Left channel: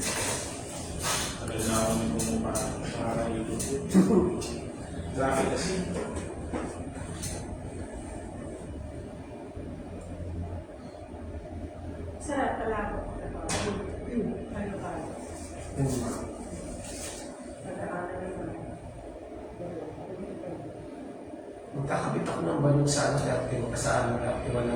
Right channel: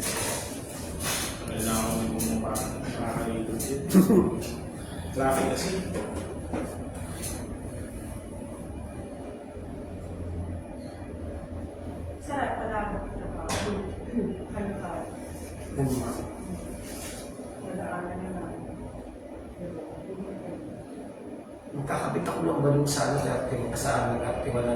Tagal na ako may kumupa. Nakakalikod yun. Traffic kasi. Sarap pala ako. Ano ka? Nadaanan naman. Magkakabit ako ng balong sa amin na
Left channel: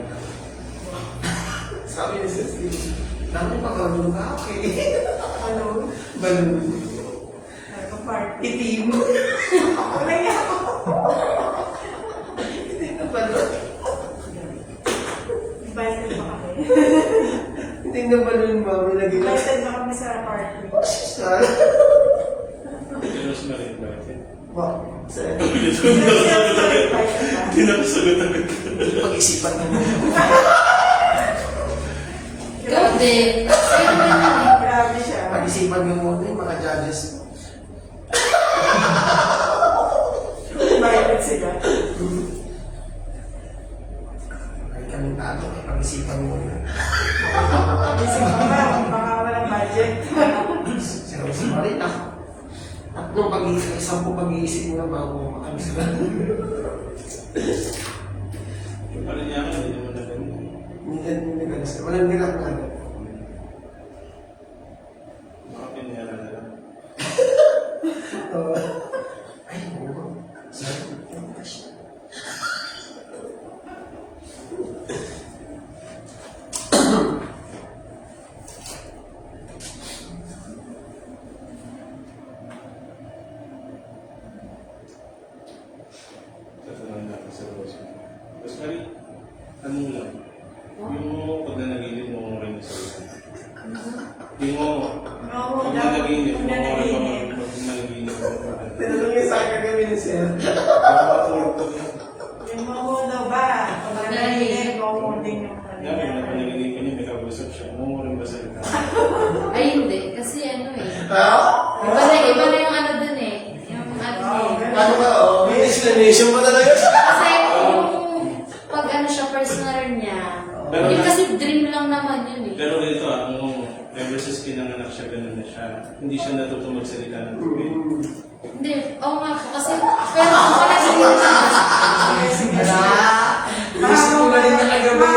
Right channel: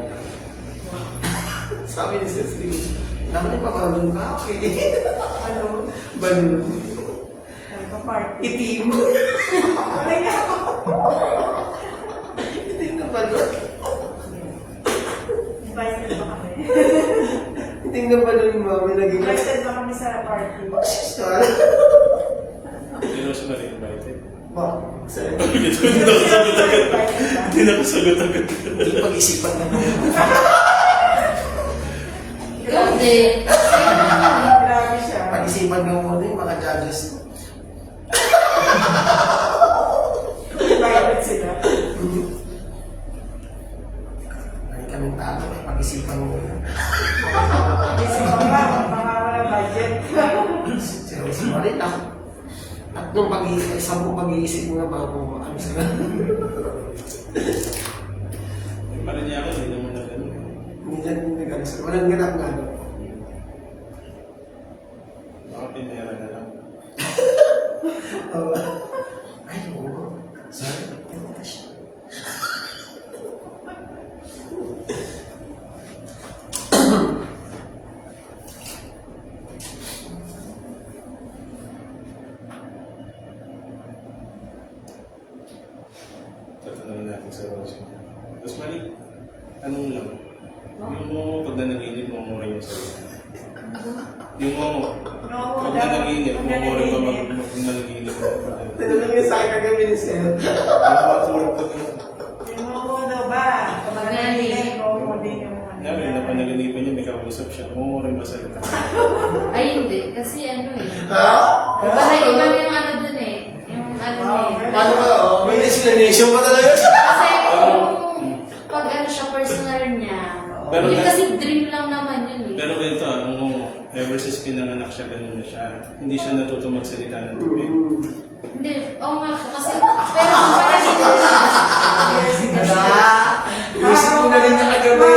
sabi niya sa street, namin pa balong ka, okay? Ano? Balong. Ano pa party? Itim. Wala nga ako. Itim na balong. Invited ba kami? Itim na balong, mami. Invited ba kami sa party? Sister. Pero siya na rin balik eh. Bakit? Sir? Hindi na kasagot agad. Hindi pag-isipan mo. Ikaw din. Grabe siya. Pag-isipan mo muna yung mga judges. Invited sila. Ay, kaming tato, ay pag-isipan mo muna. Isip ko ba, baka walang budget. Sorry lang. Tatlong pag-iisip, isang po pag-iisip mo na bago maalis ka. Yung pala niya ako, hindi naman na ganun. Minsan, nag-alis. Walang ganap nga. Baka pinayara na lang. Ay, oo. Sorry. Tatanungin natin sa Rose. Tapos mali, anong lang? Yung mo, pag nanaginip mo rin sa isa. Yung mo, pag nanaginip mo rin pa mag-nanaginip mo. Tinanong niya sa akin kagabi ni Sir. Yung matulog ko din. Yung momo daw ba? Kung nanahinip, momo din yung ano. Yan, yung napanaginipan niya, may kausap siya. Umuurin ba sa ita? Ay, hindi. Kasi ano eh. Ha? Iba na yung ano dun eh. Yung ano eh. Ano ka? May destination mo talaga. Kasi yung pag ano siya, personal niya. Pero Yun na- kasi dream lang naman yun eh. Pero ganito, ang mo, ever since pinanganak siya, ganun na siya. Hindi siya natuto magsalita ng tubig. Hindi, oo nga po. Kasi, pero parang hindi siya. Gusto mo na rin na kagabi.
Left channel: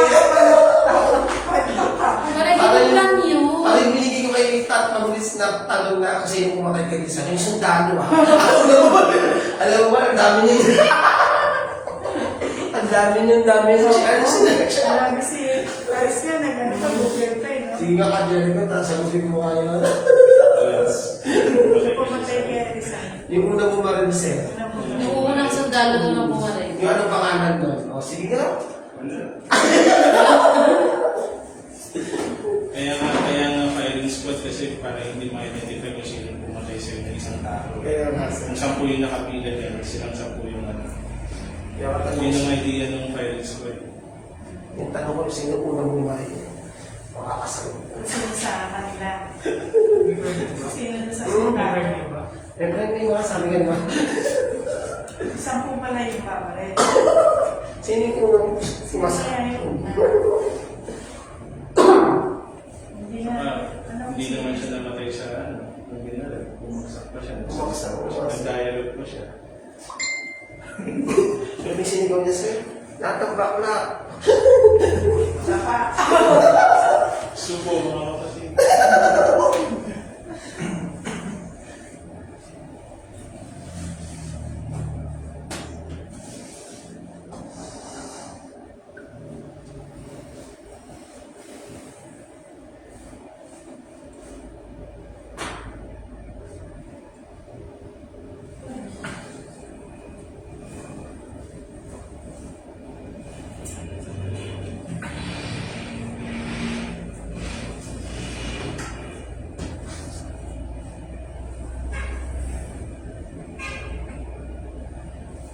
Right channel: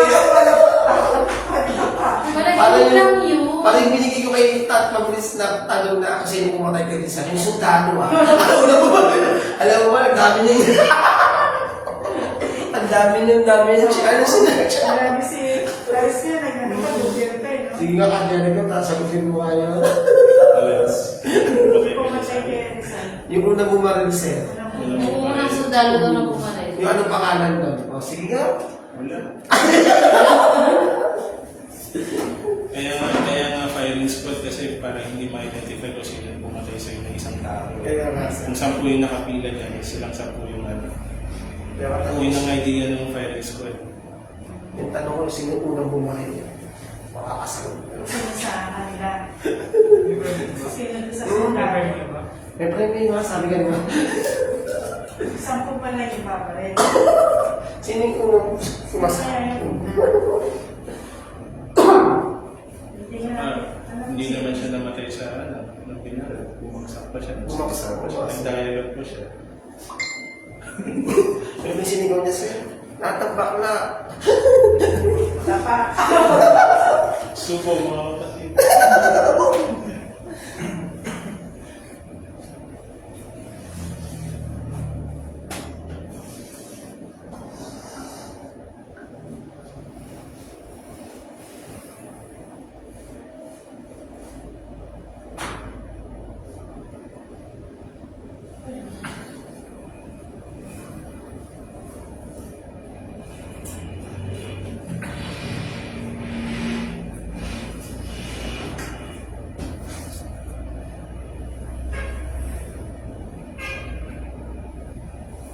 Parang yun lang yun. Parang binigay ko kay tatlong list na tanong na kasi yung pumatay kay isa. Yung sundalo ah. Alam mo ba, ang dami niya. Ang dami niya, ang dami niya. Ano sila? Marami si Paris yan, nag-ano kayo, no? Sige nga, kanya ko, tapos ang sabi mo kayo. Pumatay kaya Rizal. Yung unang bumaril sa'yo. Yung unang sundalo daw ng pumatay. Yung anong pangalan doon? O, sige nga. Wala. Kaya nga firing squad kasi para hindi ma-identify kung sino yung pumatay sa'yo ng isang tao. Kaya nga. Kung 10 yung nakapigan kanya, silang 10 yung ano. Kaya ka Yun ang idea ng firing squad. yung tanong ko, sino unang bumaril? Makakasagot. Sino sa kanila? Sino doon sa sundalo? Eh, parang kayo mga sabi ka naman. Sampung pala yung babae. Sino yung unang sumasagot? Kaya yung una. Hindi nga, Hindi naman siya namatay sa ano, nung binaril. Bumagsak pa siya. Bumagsak pa siya. Nag-dialogue pa siya. Ano yung sinigaw niya sa'yo? Tatambak na. Subo mga kapatid.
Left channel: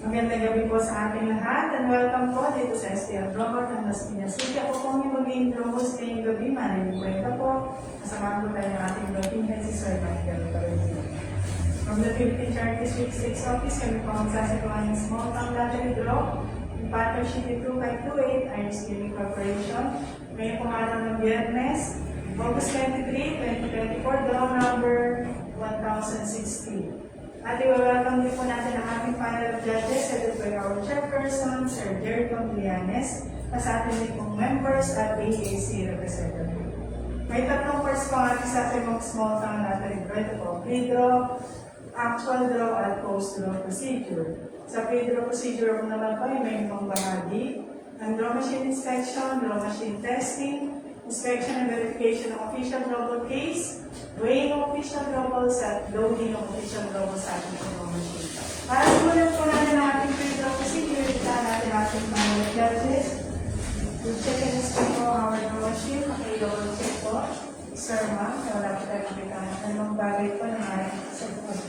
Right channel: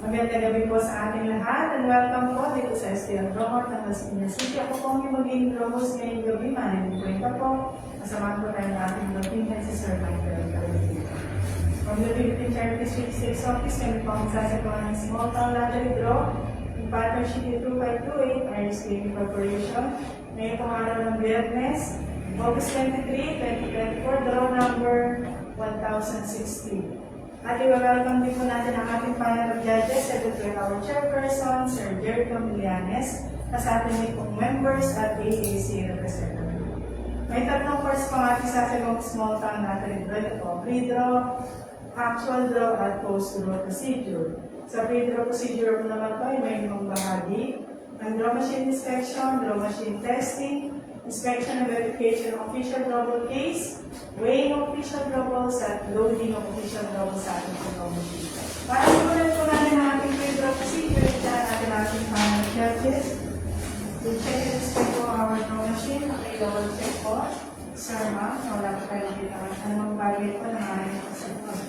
Magandang gabi po sa ating lahat and welcome po dito sa STM Rocker ng Las Piñas City. Ako po yung mag-intro host ngayong gabi. Maraming kwenta po. Kasama po tayo ng ating lobbying head si Sir Michael Carolina. From the Philippine Charities Week 6 Office, kami po ang sasagawa ng small town lottery draw in partnership with 2528 Irish Gaming Corporation. Ngayon pong araw ng Biyernes, August 23, 2024, draw 2016. At i-welcome din po natin ang ating panel of judges, ito po our chairperson, Sir Jericho Milianes, at ating din pong members at AAC representative. May tatlong course po ang ating sasagot small fund natin ito po, pre-draw, actual draw, at post-draw procedure. Sa pre-draw procedure po naman po ay may ibang bahagi ng draw machine inspection, draw machine testing, inspection and verification of official double case, weighing of official doubles at loading of official doubles sa ating draw machine. Para simulan po natin ang ating pre-draw procedure, ito natin ating panel of judges. We'll check and inspect po our draw machine, maki-double check po. Sir, ma'am, wala po tayo makita anong bagay po ng ating kasagpon.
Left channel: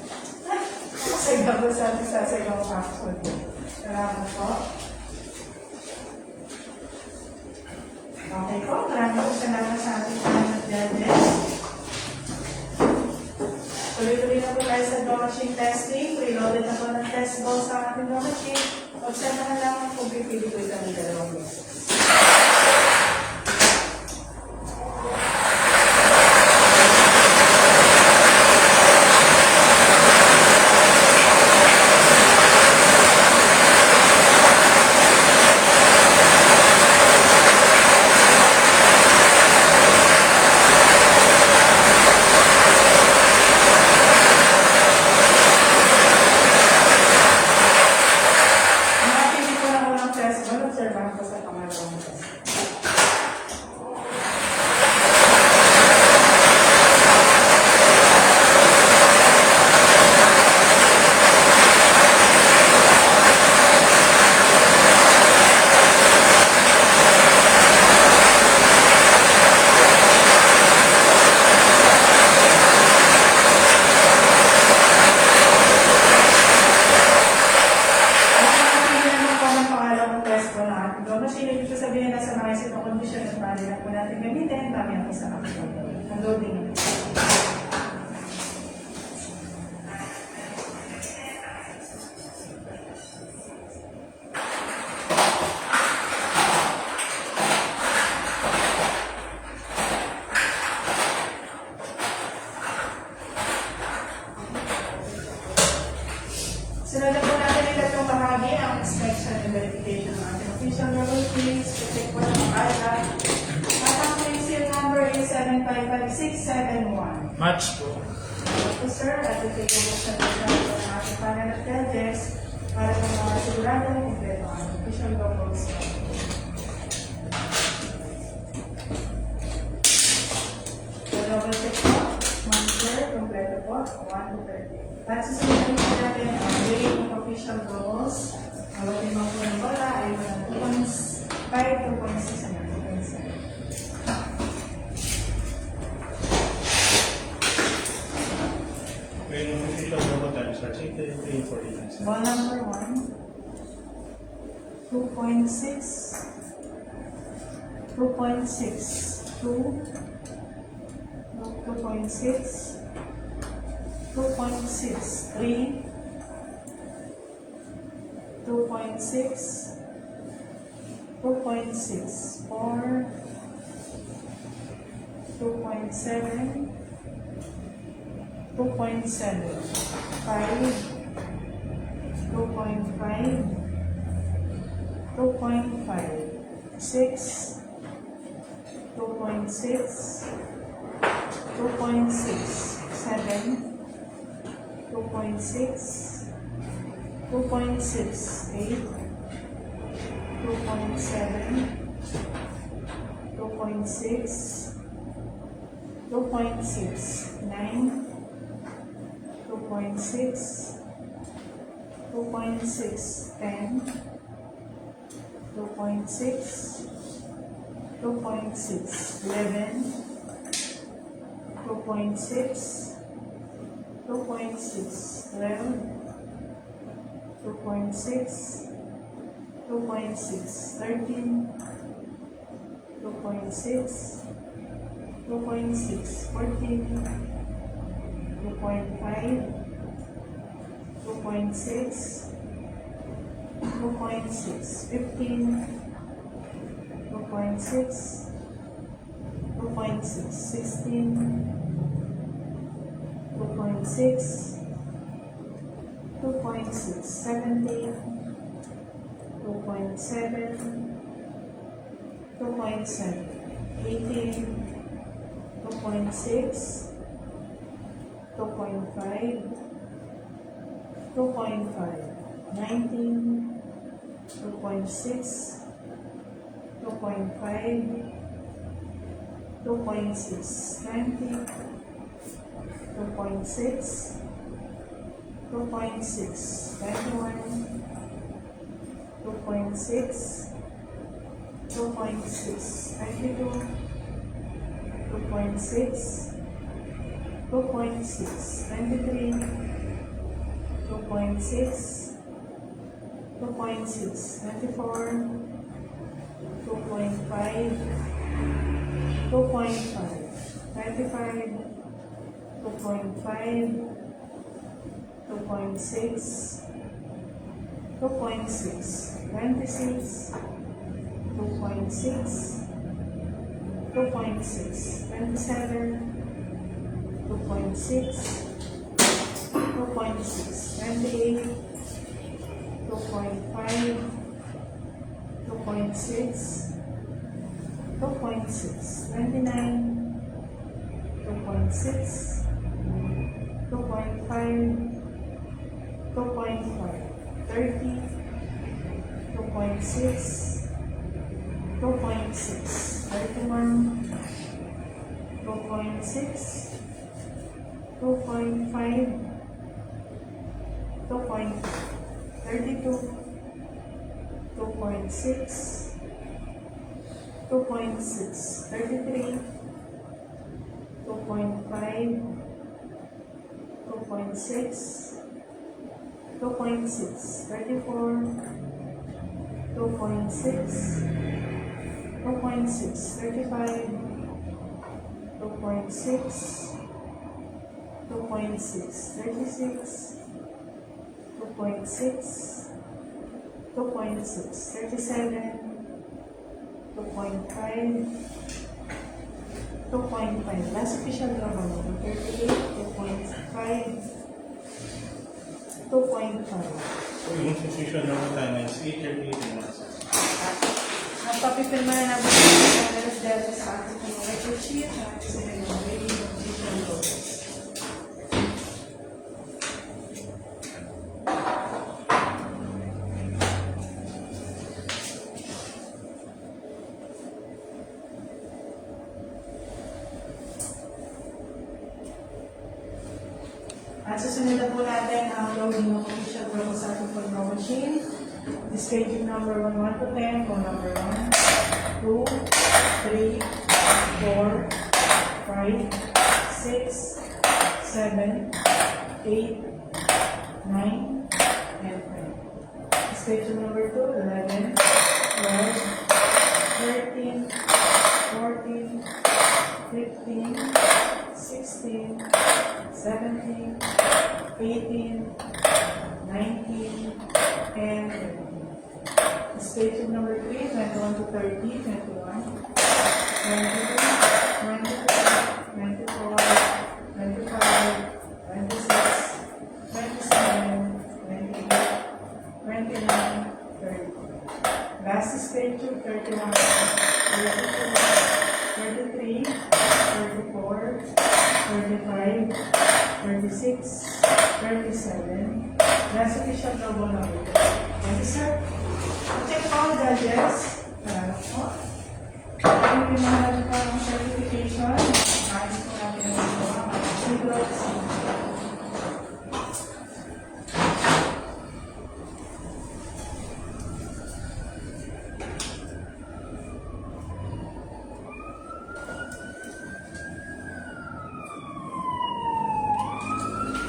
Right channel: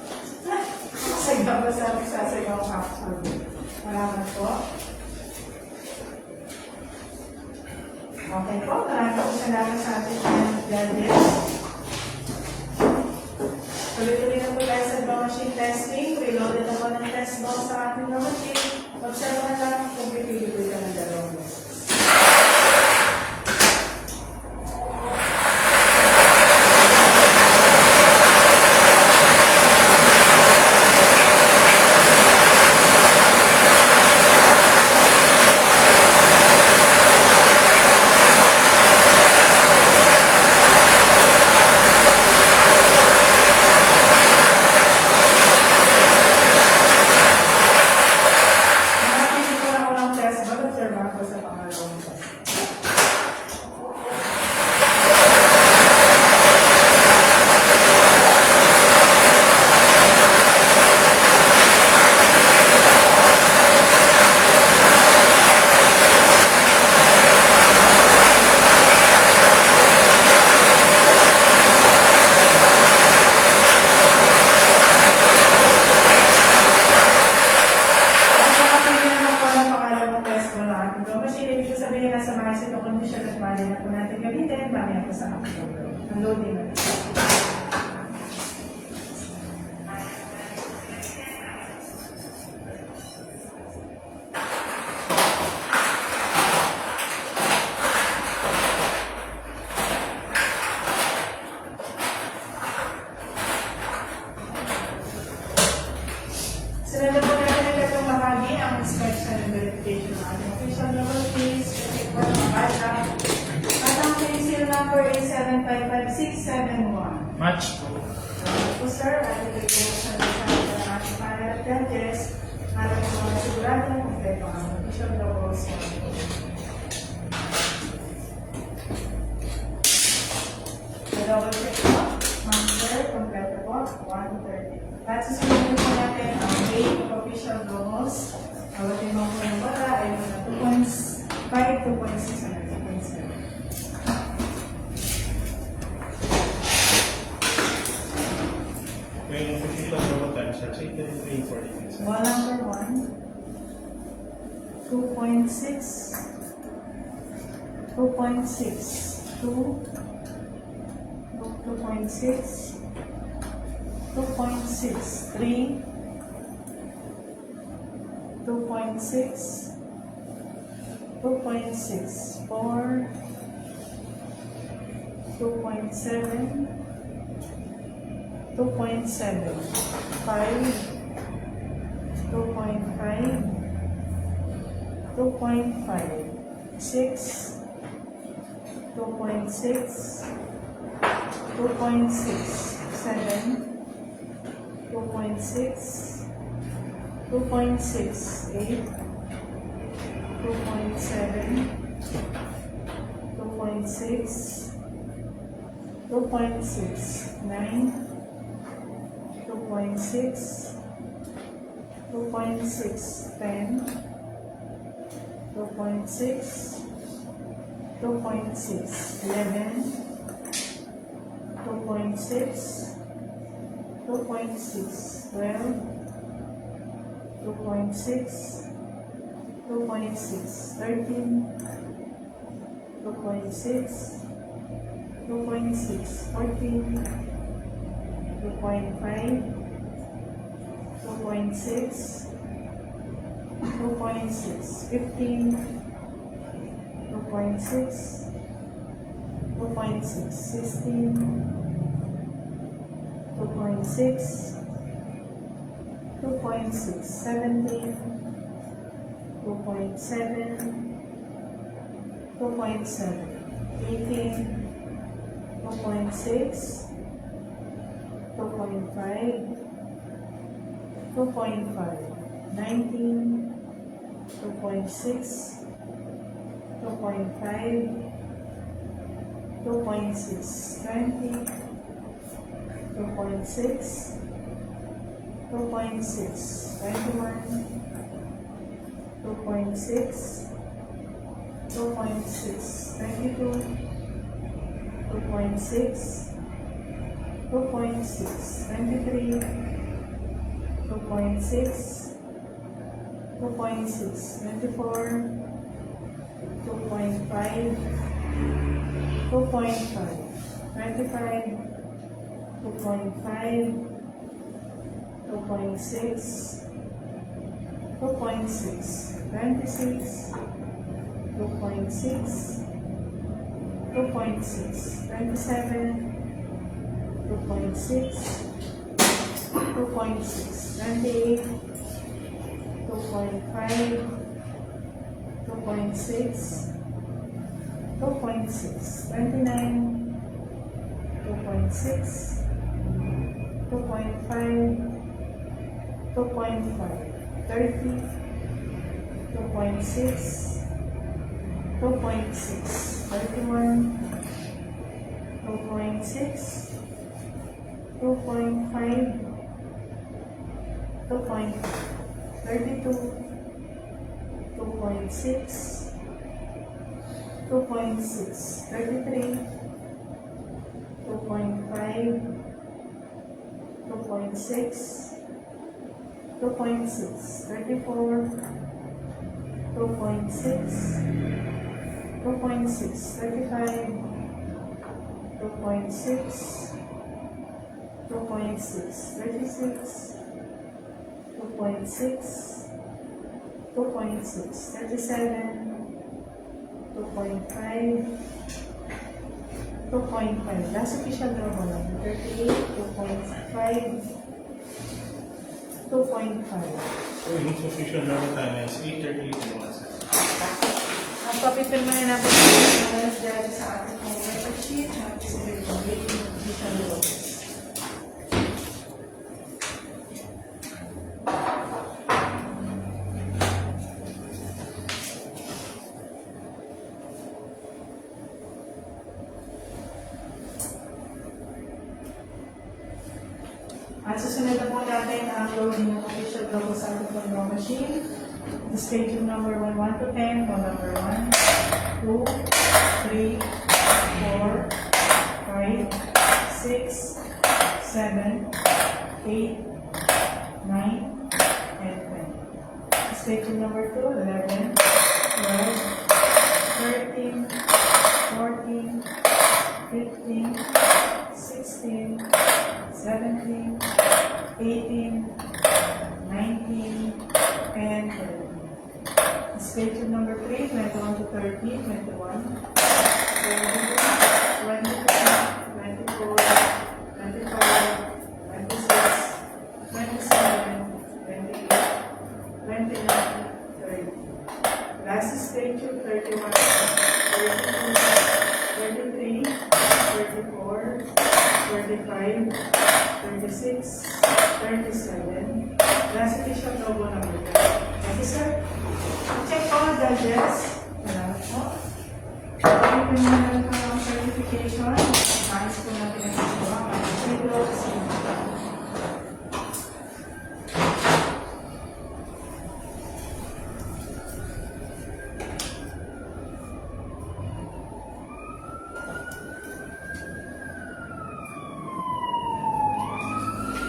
Kasagpon po sa ating sasagpon capsule. Salamat po. Okay po, maraming po salamat sa ating judges. Tuloy-tuloy na po tayo sa draw machine testing. Reloaded na po ng test ball sa ating draw machine. Observe na natin kung pipili po ito ng dalawang beses. Sinunod po natin ang gatong bahagi ang inspection and verification ng ating official level claims, check po ng bata. At ang claim seal number is 7555671. Match po. Po sir, at ibigay po sa dito ng ating panel of judges para po mga sigurado ang kompleto ang official levels. So double check po. Ma'am sir, kompleto po. 130. At susunod po natin ang weighing official goals. Ang ating mga panabala ay 2.5, 2.6 and 2.7. May official double times are checked and paying for it. Ball number 1, 2.6, 2.6, 2, 2.6, 2.6, 3, 2.6, 2.6, 4, 2.7, 2.7, 5, 2.5, 2.5, 6, 2.6, 2.6, 7, 2.6, 2.6, 8, 2.7, 2.6, 2.6, 9, 2.6, 2.6, 10, 2.6, 2.6, 11, 2.6, 2.6, 12, 2.6, 2.6, 13, 2.6, 2.6, 14, 2.5, 2.6, 2.6, 15, 2.6, 2.6, 16, 2.6, 2.6, 2.6, 17, 2.7, 2.7, 18, 2.6, 2.5, 2.5, 19, 2.6, 2.5, 2.6, 20, 2.6, 2.6, 21, 2.6, 2.6, 22, 2.6, 2.6, 23, 2.6, 2.6, 24, 2.5, 2.5, 25, 2.5, 2.6, 2.6, 26, 2.6, 2.6, 27, 2.6, 2.6, 28, 2.5, 2.6, 2.6, 29, 2.6, 2.5, 2.5, 30, 2.6, 2.6, 31, 2.6, 2.5, 2.5, 32, 2.6, 2.6, 33, 2.5, 2.6, 2.6, 34, 2.6, 2.6, 35, 2.6, 2.6, 36, 2.6, 2.6, 37, 2.5, 2.5. Last official number lang. 38, 2.5, 2.5. Yung suspicion na time is 8:38 in one second. Ang papipirma na namin ang balance dahil sa ating pong record sheet na ating sila yung reading of official laws. At susunod na po natin ang uploading ng official laws sa ating pong law machine. The staging number 1 to 10, row number 1, 2, 3, 4, 5, 6, 7, 8, 9, and 10. Staging number 2, 11, 12, 13, 14, 15, 16, 17, 18, 19, and 20. Schedule number 3, 21 to 30, 21, 22, 23, 24, 25, 26, 27, 28, 29, 30. Last schedule, 31, 32, 33, 34, 35, 36, 37. Last official double number. Thank you, sir. Check all the judges. Ang pinanahan ko ng certification. Nais po natin ang mga videos.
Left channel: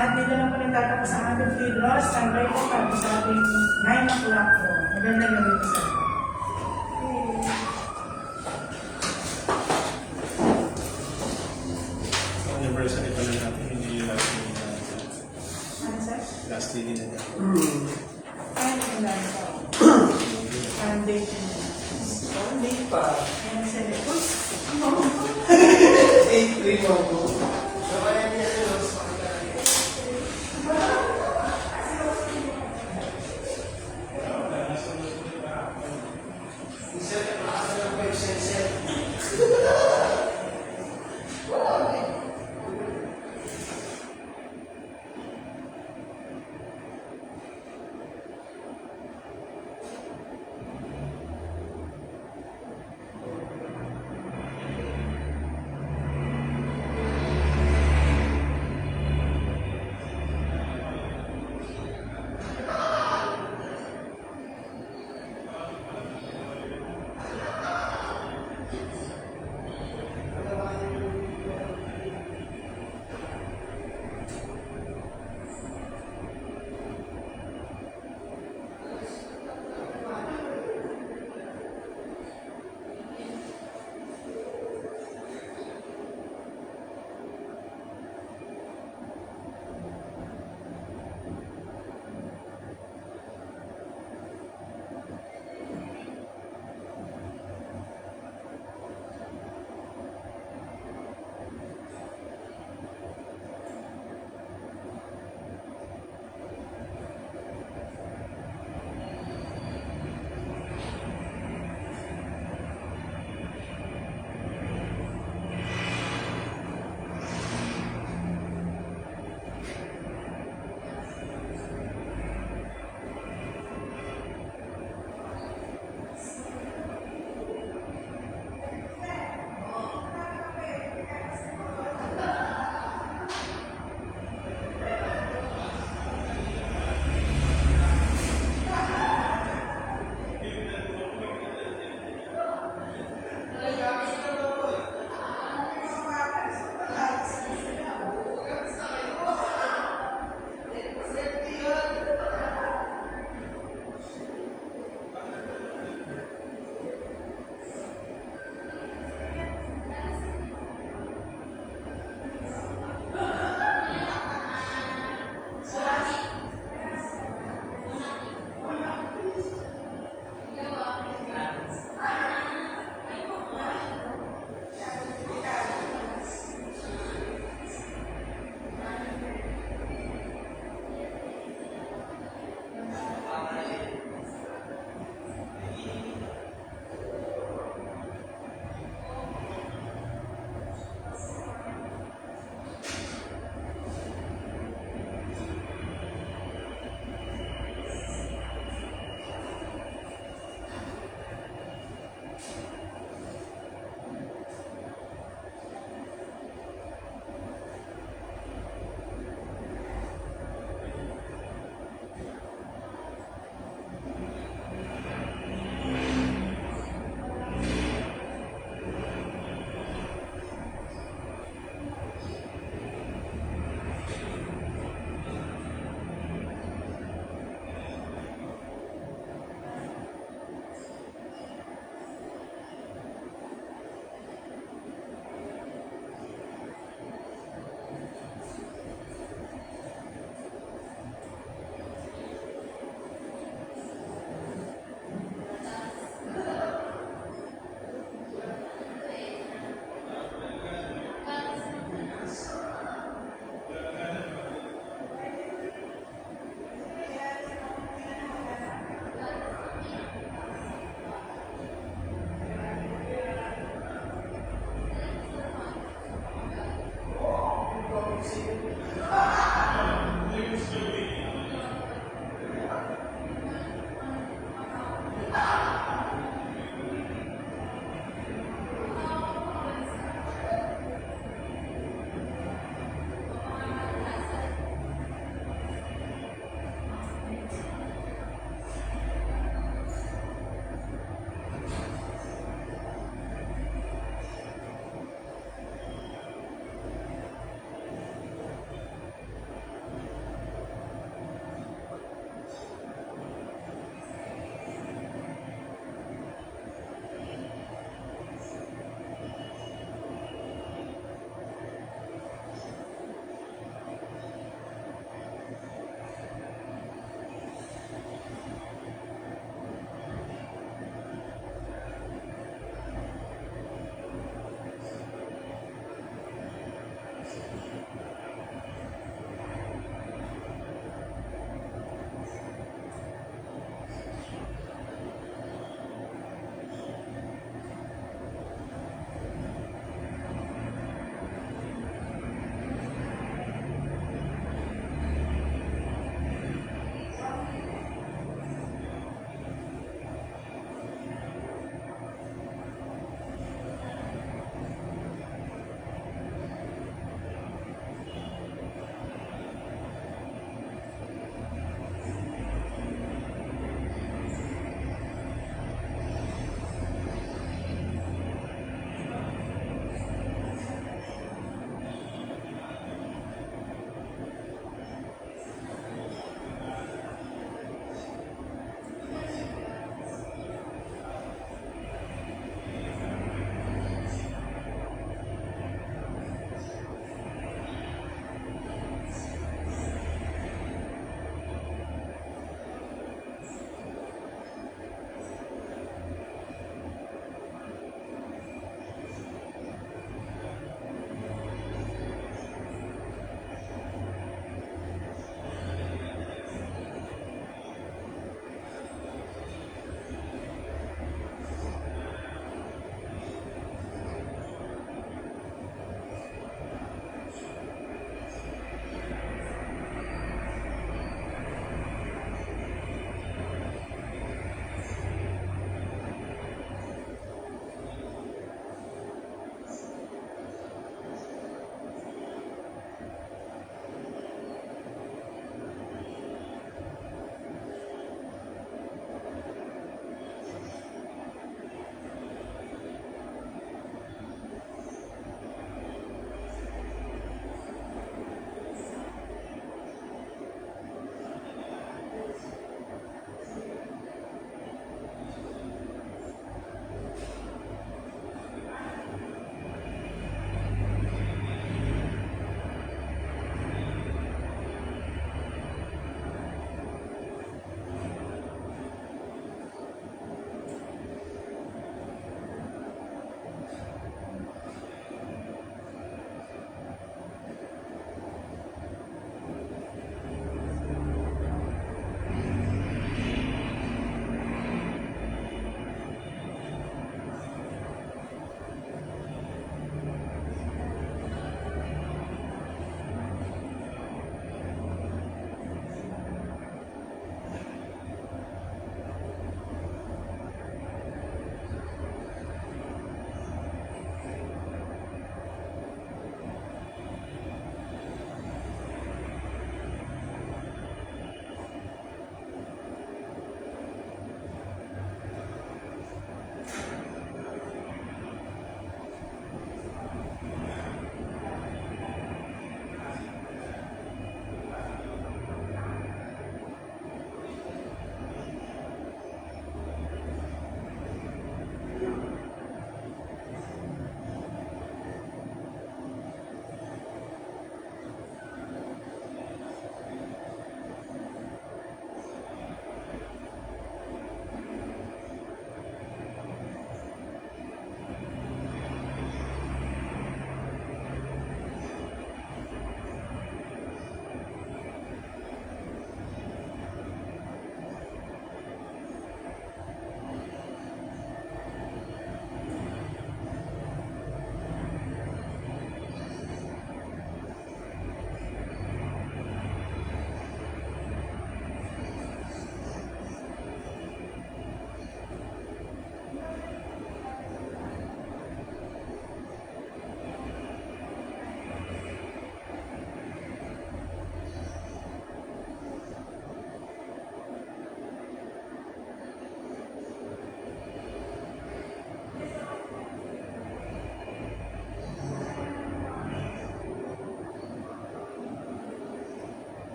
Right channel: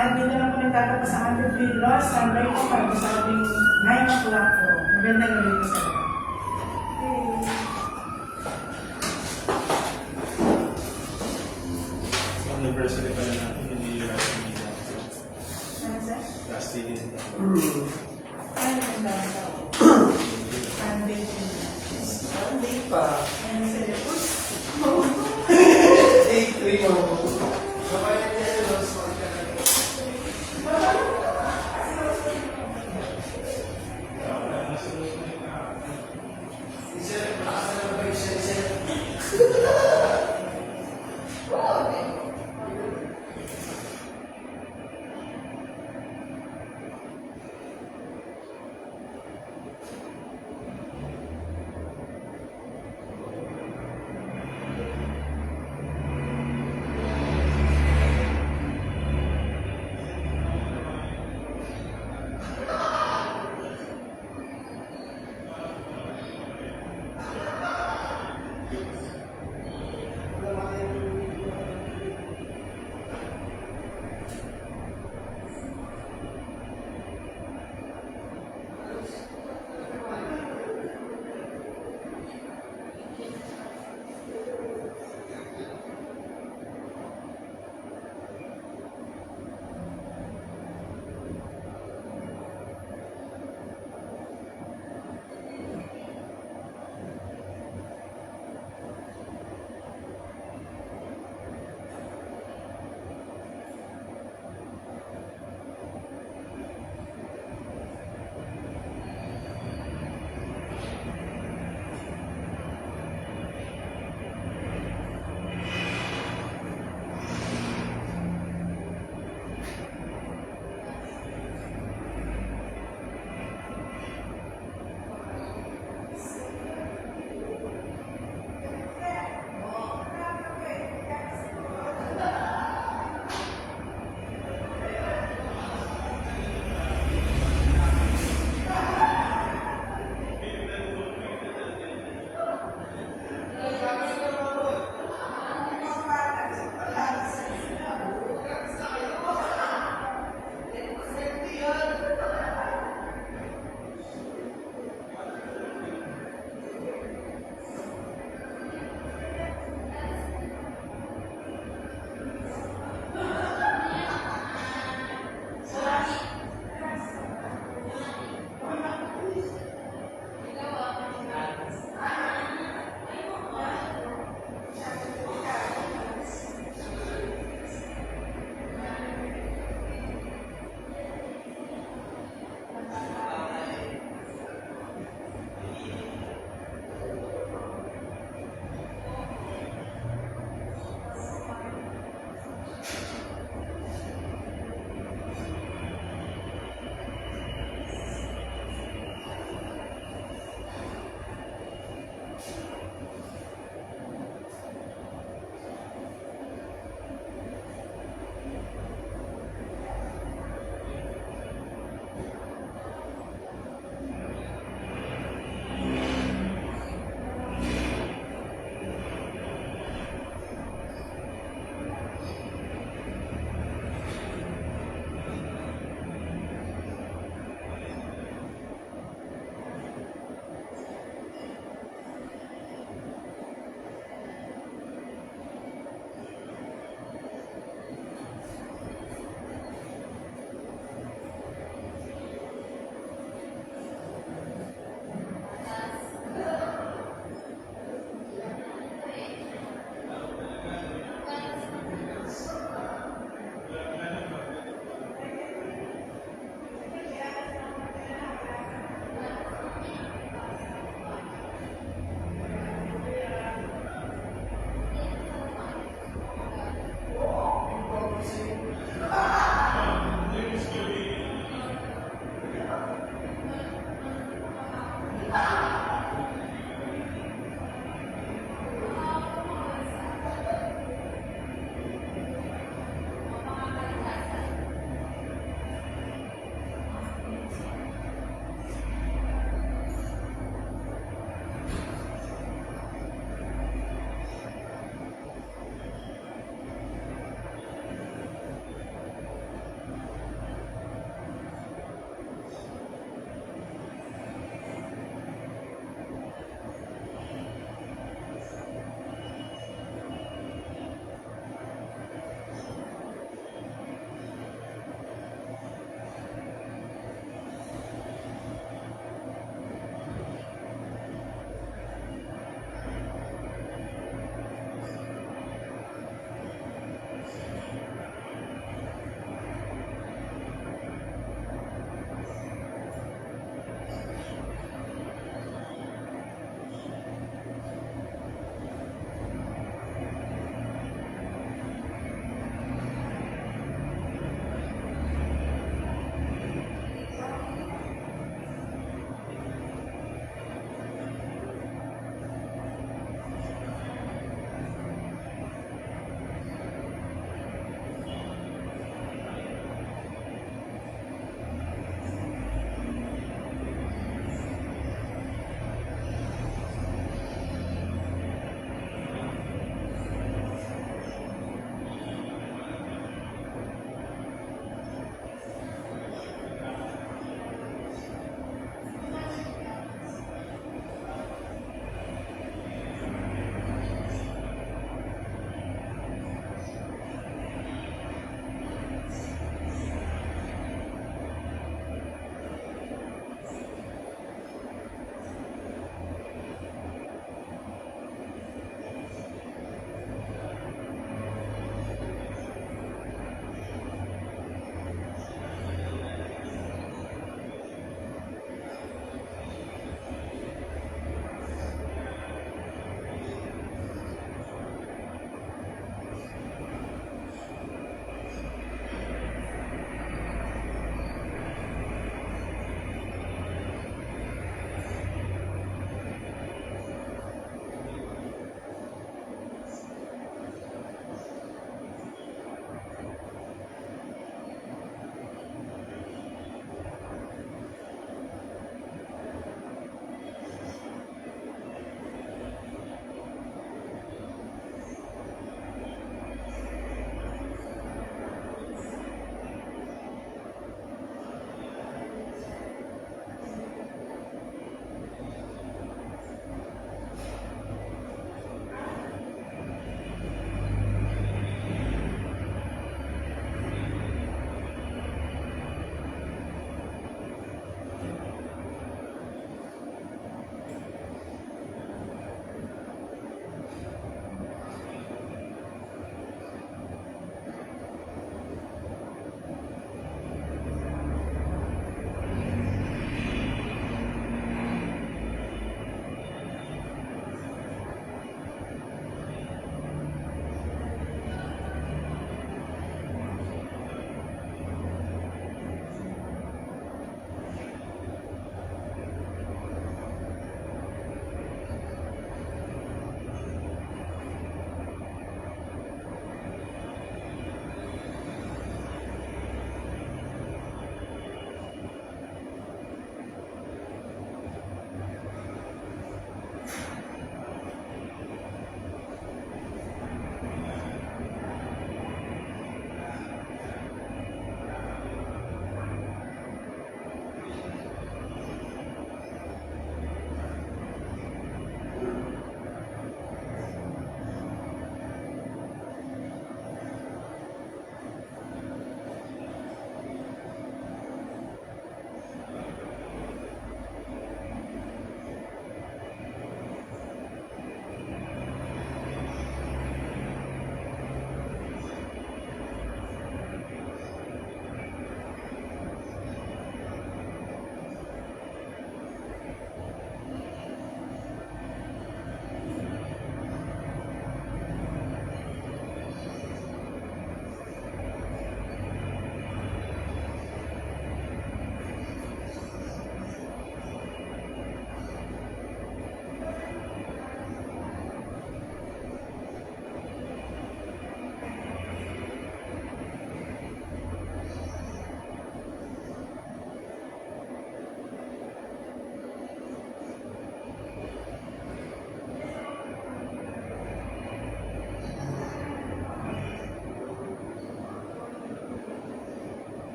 At dito na po nagtatapos ang ating free loss. Ang break ko para sa ating 9 o'clock po. Magandang gabi po, sir. University pa rin natin, hindi yung last year na Ano, sir? last year din. Ano yung nasa? Foundation. Hindi pa. Ano, sir? Uy! 8-3 mo. So, kaya niya, smart ka lang.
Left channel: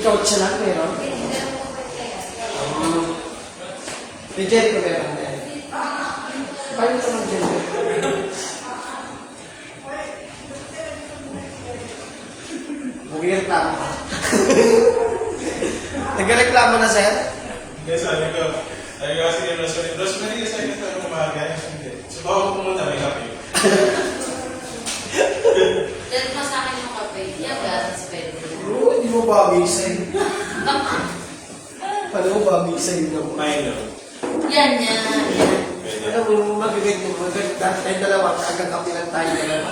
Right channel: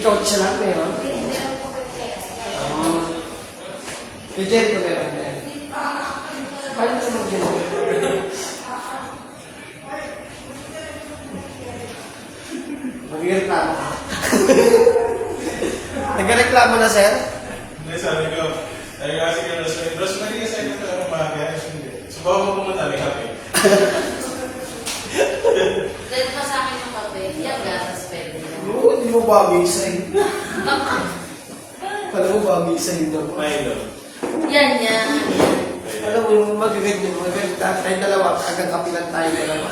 Ikaw siya lang, meron? Ni Jerry ko meron din. Paano sa mga Jerry? Magreklamo ka. Nagreklamo na, sir? Hindi, sabi ko kasi kay Rosemary. Rosemary kasi ako tayo umaga. Hindi. Subawa ko pumunta, may kape. Dahil pa sa akin yung kape, yung gatas pwede yan. Oo, hindi mo bagay sa'yo. Pala mo bagay sa'yo na mo. Milo. Yan, yan, yan. Alam mo, yung magagay tayo dalawa, agad kapilan tayo dalawa.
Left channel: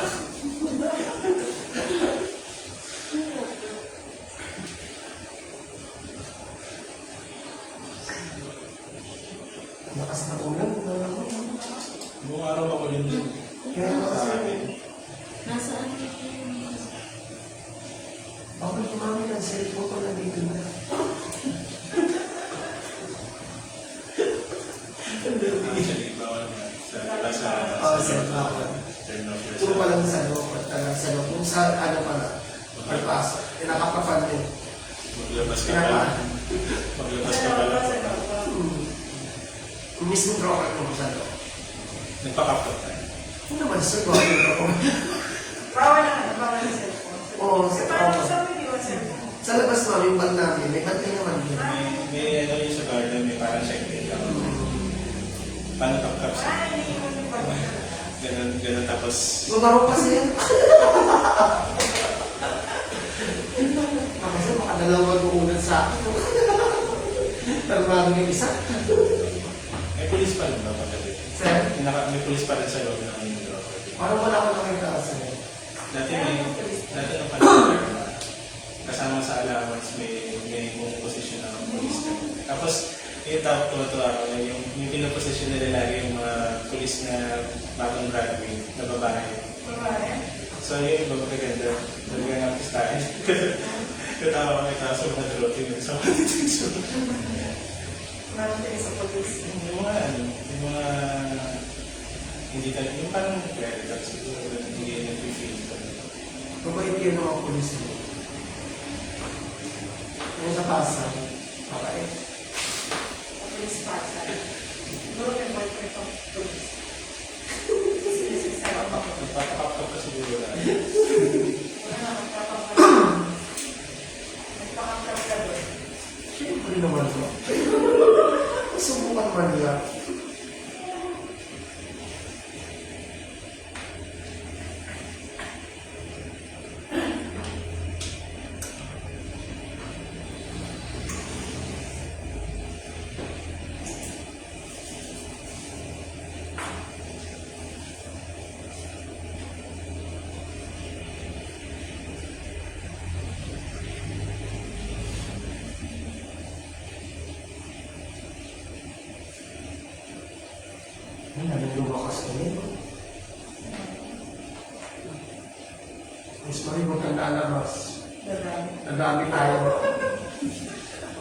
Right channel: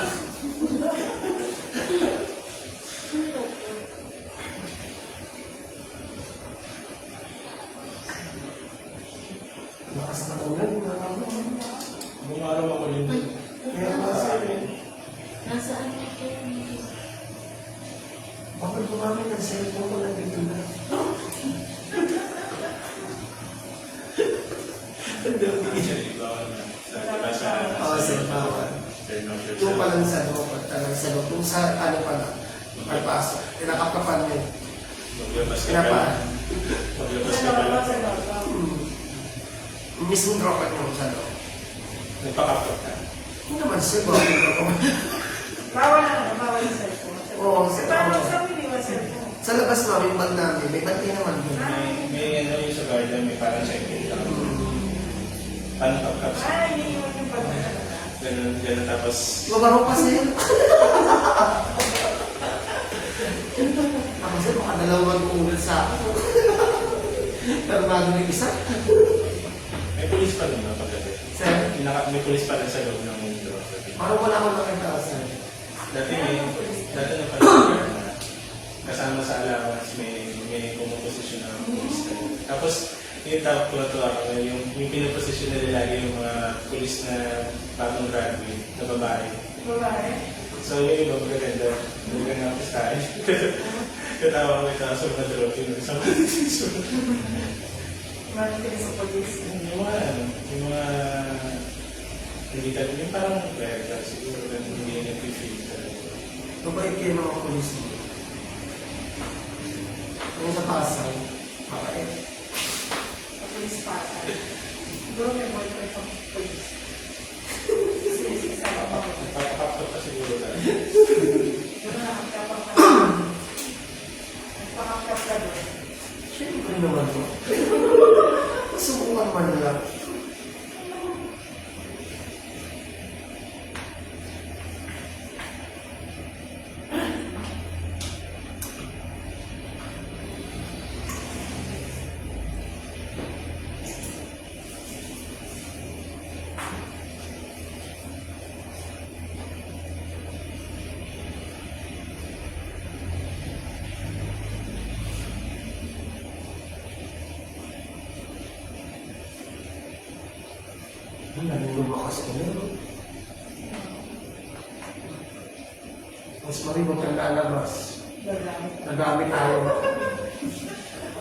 Lakas na ulan, parang mo. Buong araw ako yun. Kaya kasi, Nasaan ito yun? bakit kumami ng cellphone ko nandito na? Oo, sir, bawal. Kung palang sa loob, sa loob, kung sa ano pala, pagpas, nakapapal din. Maglabas ka Pinapaan. Maglabas ka Ano pala. ba sa doktor? Mismo broker ko sa loob. Nagpakapot ka. Ano naman siguro ako? Bawal na bawal yung cellphone. Oo, sir. Parang saan mo iniwan cellphone? Sa labas namin, mag namin, may bantay naman yun. May ano yung sa garden, may parang check-in. Paano kapkap sa Ah, iniwan yung pagkakataas. ganun tapos Magaro pa siya. Ako sir, makadalawang uulan sa akin. Tarmado ng isa. may pulis pa rin ba pagkatid? Sir, May pulis pa rin sa loob ng main door. parang wala akong nakita sir. Dati na pala kasama sa allowance may pumuposisyon na pulis ka. Tapos yung tawag ko na to yung pinaposisyon nila lagi yung mga pulis na bagong graduate na babae. Babae. So yung iba magaganda. Magaganda ako sa akin. Katawa ko ito sa mga dropping. Sa mga titisunod. Maraming sa police. Yung mga hindi talaga, yung parang pwede siguro na hindi nag-feel talaga. Kapag kayo ng mga polis mo. Kung sa pasa, makaya. Police pa. Doon may boyfriend ko police. Isa ako. Nagpapakapap ka siguro na. Nakakapag ka doon. Siyempre naman to. Subukan mo nila. Lumakas ini. Mas mali mo lalabas. Nadami tayo.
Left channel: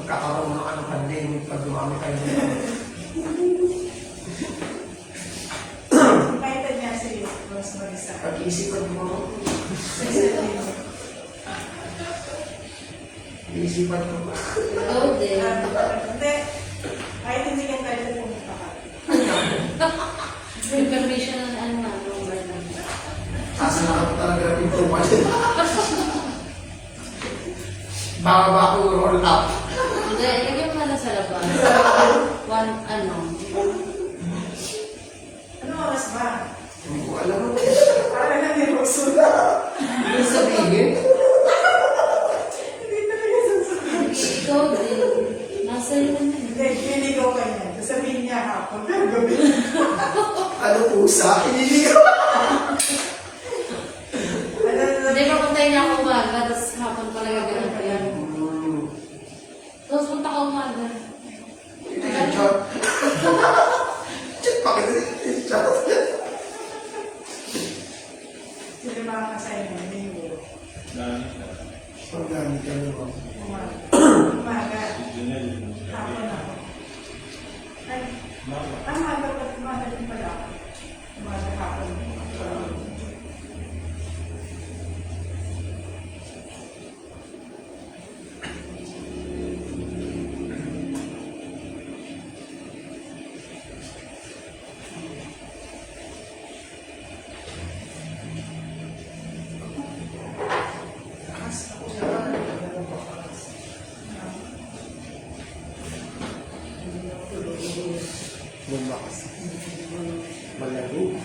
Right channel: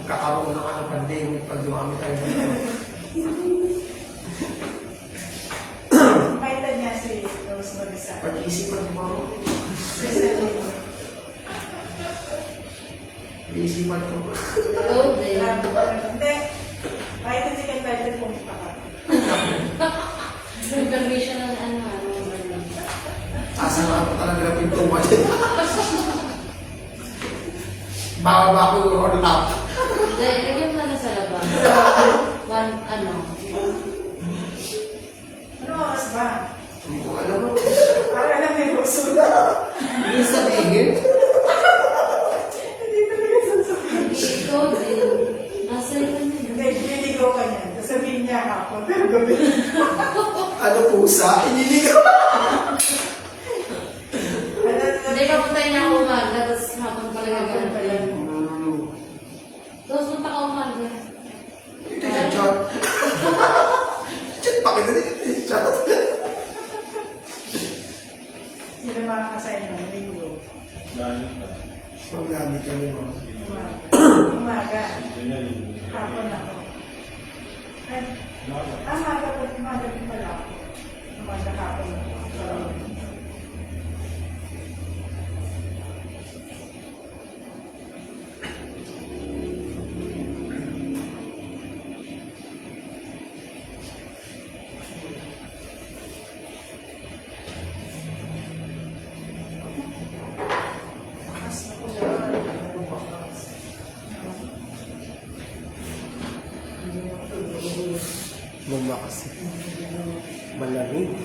Magkakaroon na ka ng pandemic pag dumami tayo dito. Kaitan niya si Rose mag-isa. Pag-iisipan mo ako. Sisirin. Pag-iisipan ko. Go din. Hindi. Kahit hindi ka tayo pumunta ka. May permission ng Bernard. Asama ko talaga dito kasi. Baka ba ako yung roll up? Hindi, lagyan pa na sa labas. One, Ano oras ba? Hindi ko alam mo. Parang kami Rose. Hindi sabihin. Hindi talaga sasabihin. ikaw din. Nasa iyo na yun. Hindi, niligaw ka niyan. Sasabihin niya hapon, pero gabi. Ano pusa? Iniligaw. Hindi, papuntayin niya ako umaga, tapos hapon pala gagawin pa yan. Tapos punta ka umaga. Ito yung chat. Chat pa kayo. Chat. Sila makakasaya ng linggo. Dahil Ang gamit ka niyo. Umaga. yun na yun. Hapon ako. Ay, Umaga. umaga po. Umaga din pala ako. Umaga hapon.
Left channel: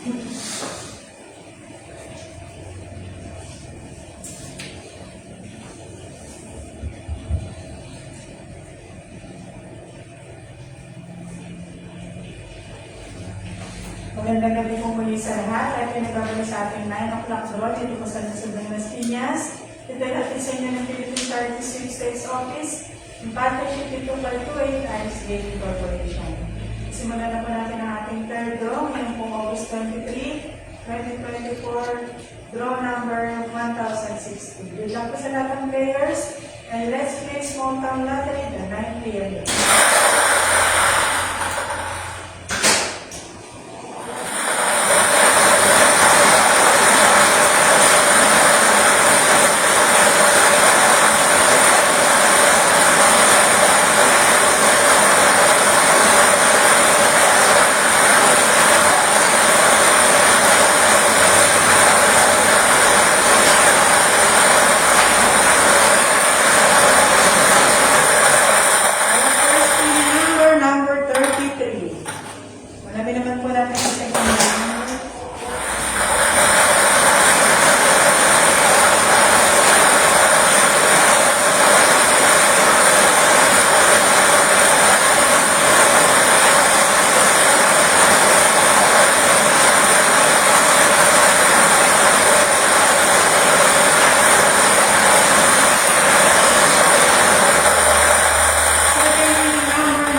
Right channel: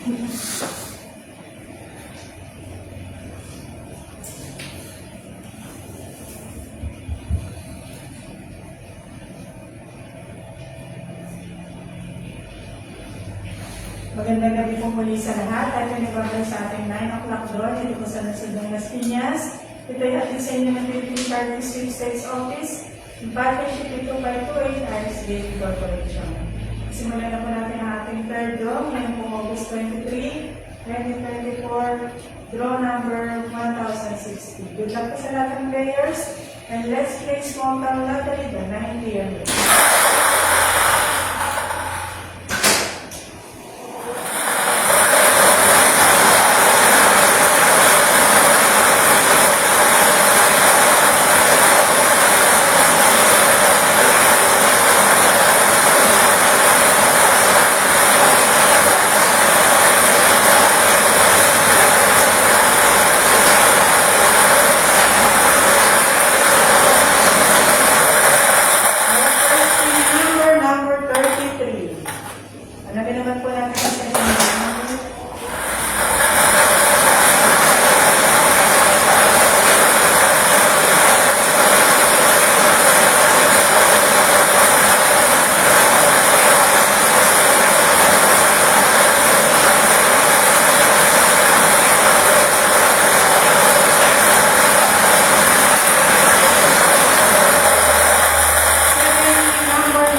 Magandang gabi po muli sa lahat. At pinibabalik sa ating 9 o'clock doon dito po sa Nasud ng Las Piñas. Dito ay ating sa inyo ng Philippine Party Sweepstakes Office. Yung Party 52528 RSA Corporation. Simulan na po natin ang ating third draw. Yan po August 23, 2024. Draw number 1060. Good luck po sa lahat ng players. And let's play small count lottery the 9 p.m. Number 33. Hanapin naman po natin sa second number.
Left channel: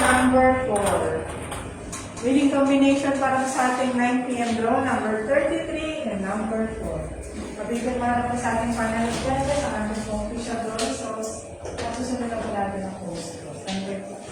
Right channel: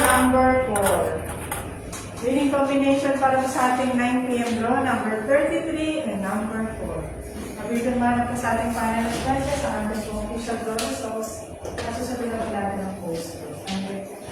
Number 4. Winning combination para sa ating 9 p.m. draw, number 33 and number 4. Kabitan mga na po sa ating final responses sa ano po official draw results. At susunod na po natin ang post draw. Number 4.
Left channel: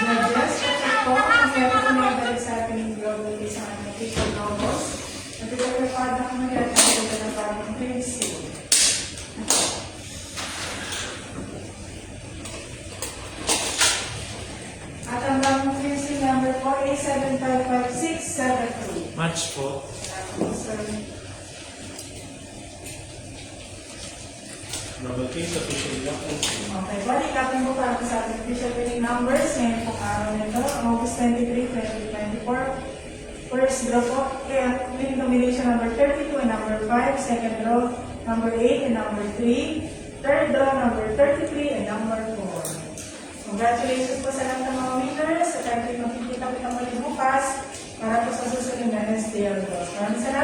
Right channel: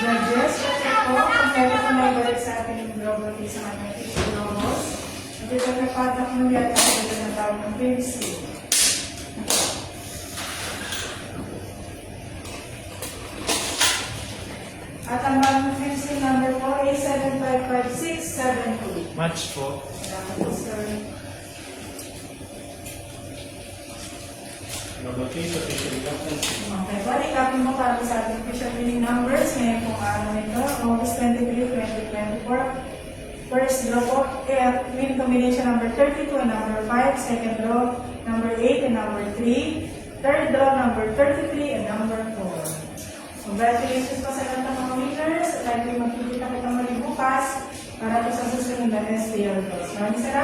Judges, ito po, ang meron po na ibalik sa ating globally sa ating official nomos. At ito may padak mo yan ang sabi na tawag privacy. At ang bagong privacy number po ay 755672. Match po. Babaki sa official documents. Okay, balik natin po para sa ating official winning numbers ngayon pong araw nito, August 23, 2024. First draw po, winning combination number 32 and number 5. Second draw, number 8 and number 3. Third draw, number 33 and number 4. Congratulations po sa lahat ng mga winners. At tayo magkikita kitang muli bukas para po sa susunod na STL draws. Maraming salamat.